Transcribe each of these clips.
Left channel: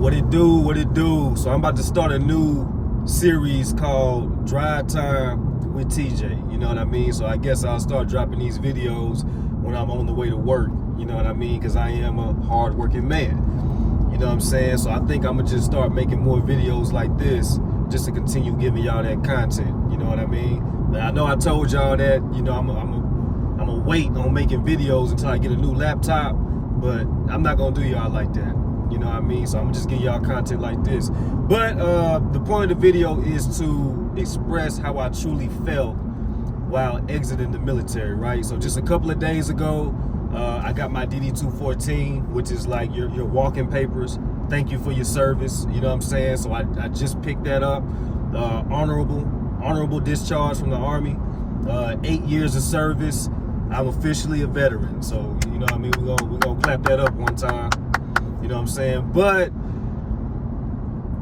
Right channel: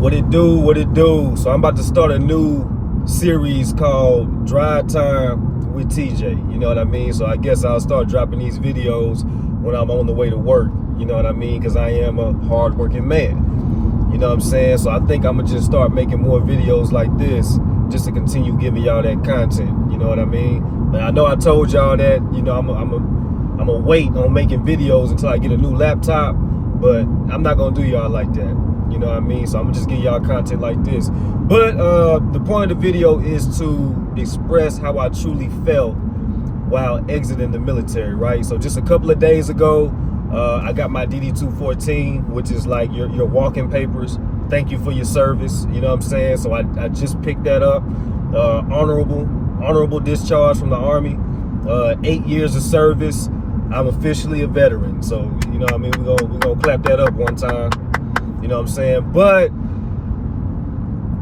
What it do, what it do. So I'm about to start a new series called Drive Time with TJ. You know what I mean? So I guess I'll start dropping these videos when I'm on the way to work. You know what I mean? Because I am a hardworking man. You know what I'm saying? So I think I'm going to just start making more videos like this just to continue giving y'all that content. You know what I mean? And I know I told y'all that, you know, I'm a wait on making videos until I get a new laptop, but I'm not going to do y'all like that. You know what I mean? So I'm gonna just give y'all content like this. But the point of the video is to express how I truly felt while exiting the military, right? So just a couple of days ago, I got my DD-214, which is like your walking papers. Thank you for your service. You know what I'm saying? So I just picked that up. Honorable discharge from the Army. 8 years of service. I'm officially a veteran. So, you know what I mean? We're gonna clap that up one time. You know what I'm saying? But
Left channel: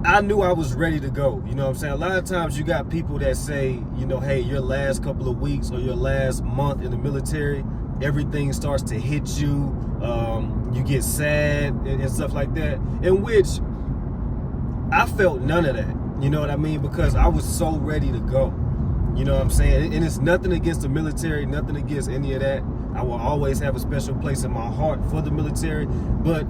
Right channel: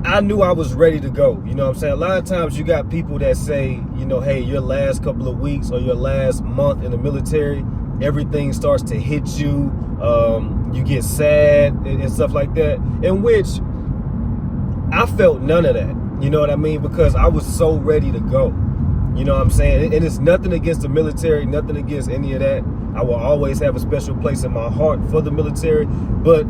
I knew I was ready to go. You know what I'm saying? A lot of times you got people that say, you know, hey, your last couple of weeks or your last month in the military, everything starts to hit you. You get sad and stuff like that. In which I felt none of that. You know what I mean? Because I was so ready to go. You know what I'm saying? And it's nothing against the military, nothing against any of that. I will always have a special place in my heart for the military. But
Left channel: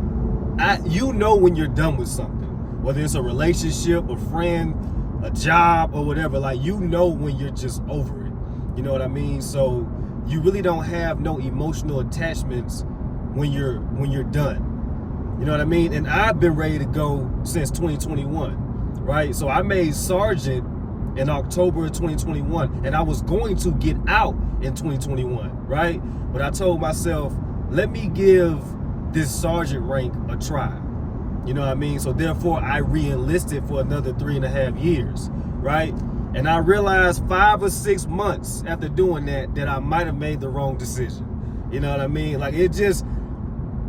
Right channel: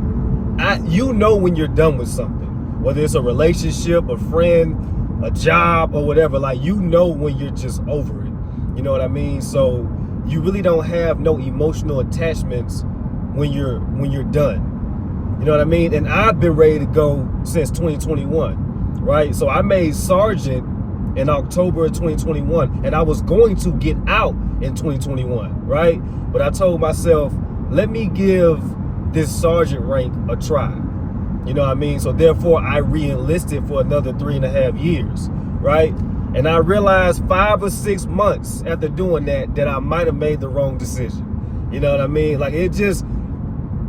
you know when you're done with something, whether it's a relationship, a friend, a job, or whatever. Like, you know when you're just over it. You know what I mean? So you really don't have no emotional attachments when you're done. You know what I mean? And I've been ready to go since 2021, right? So I made sergeant in October of 2021, and I was going to get out in 2021, right? But I told myself, let me give this sergeant rank a try. You know what I mean? So therefore I re-enlisted for another 3.5 years, right? And I realized 5 or 6 months after doing that I might have made the wrong decision. You know what I mean? Like, it just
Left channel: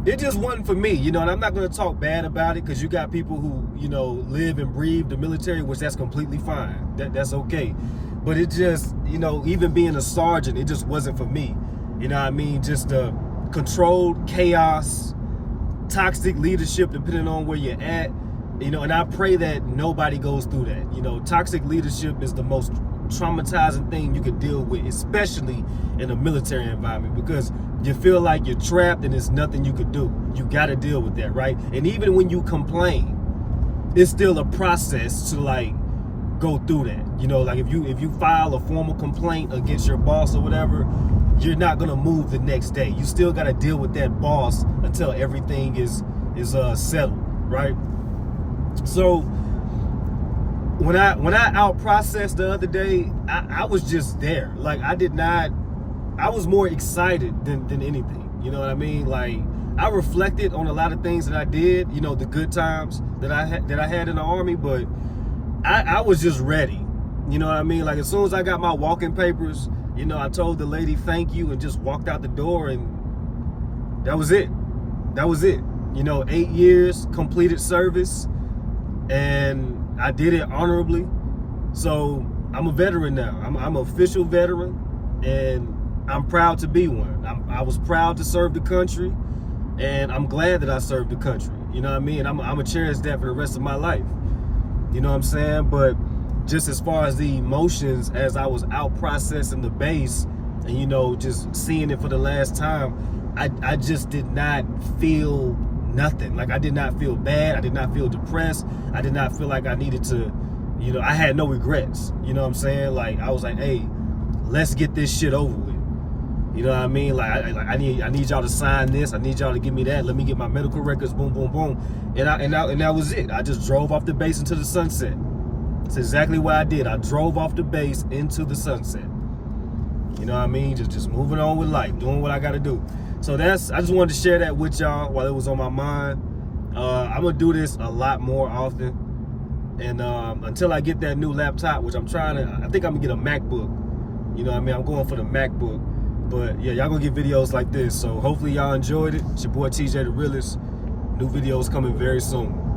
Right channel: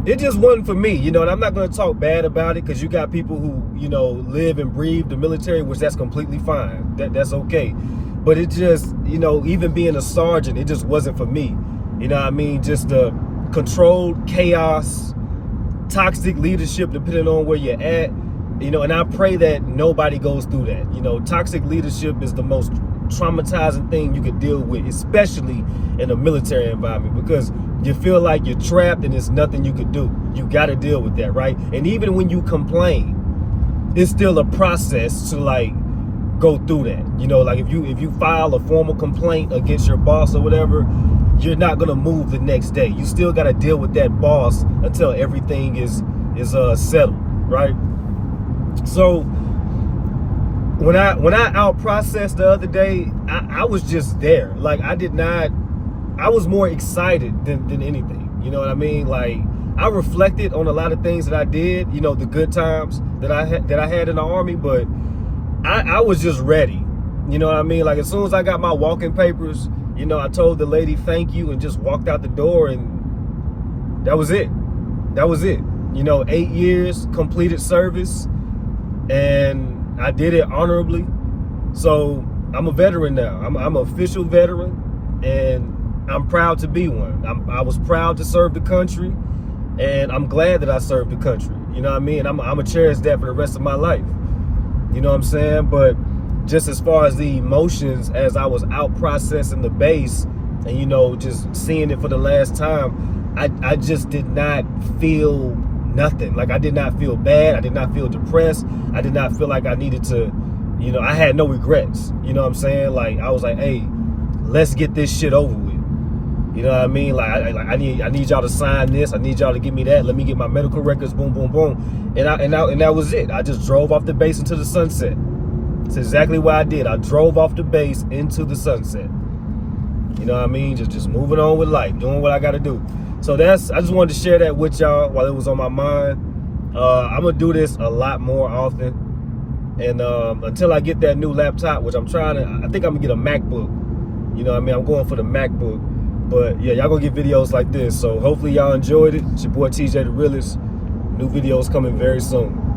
wasn't for me, you know. And I'm not going to talk bad about it, because you got people who, you know, live and breathe the military, which that's completely fine. That's okay. But it just, you know, even being a sergeant, it just wasn't for me. You know what I mean? Just the controlled chaos, toxic leadership, depending on where you're at, you know. And I pray that nobody goes through that. You know, toxic leadership is the most traumatizing thing you could deal with, especially in a military environment, because you feel like you're trapped and there's nothing you could do. You got to deal with that, right? And even when you complain, it's still a process to, like, go through that. You know, like if you file a formal complaint against your boss or whatever, you're not gonna move the next day. You still gotta deal with that boss until everything is settled, right? So when I out processed the other day, I was just there. Like, I was more excited than anything. You know what I mean? Like, I reflected on a lot of things that I did, you know, the good times that I had in the Army, but I was just ready. You know what I mean? Like, as soon as I got my walking papers, you know, I told the lady thank you and just walked out the door, and that was it. That was it. You know, 8 years completed service, and I did it honorably. So I'm a veteran now. I'm an official veteran, and I'm proud to be one. I was proud to serve the country, and I'm glad that I served the country. You know what I mean? I'm going to cherish that for the rest of my life. You know what I'm saying? But just as far as the emotions, as I was out processing the base and, you know, just seeing it for the last time, I just did not feel nothing. Like, I did not feel bad. I did not feel depressed. I did not feel like I needed to, you know, I had no regrets. You know what I'm saying? Like, I was like, hey, let's get this shit over with. You know what I mean? Like, I need y'all to sign this. I need y'all to give me that. Let me get my medical records. Boom, boom, boom. And that was it. I just drove off the base into the sunset. It's exactly what I did. I drove off the base into the sunset. You know what I mean? Just moving on with life, doing what I got to do. So I just wanted to share that with y'all while it was on my mind. I'm gonna do this a lot more often, and until I get that new laptop, which I think I'm gonna get a MacBook. You know what I mean? I'm going for the MacBook. But yeah, y'all gonna get videos like this. So hopefully y'all enjoyed it. It's your boy TJ the Realist. New videos coming very soon.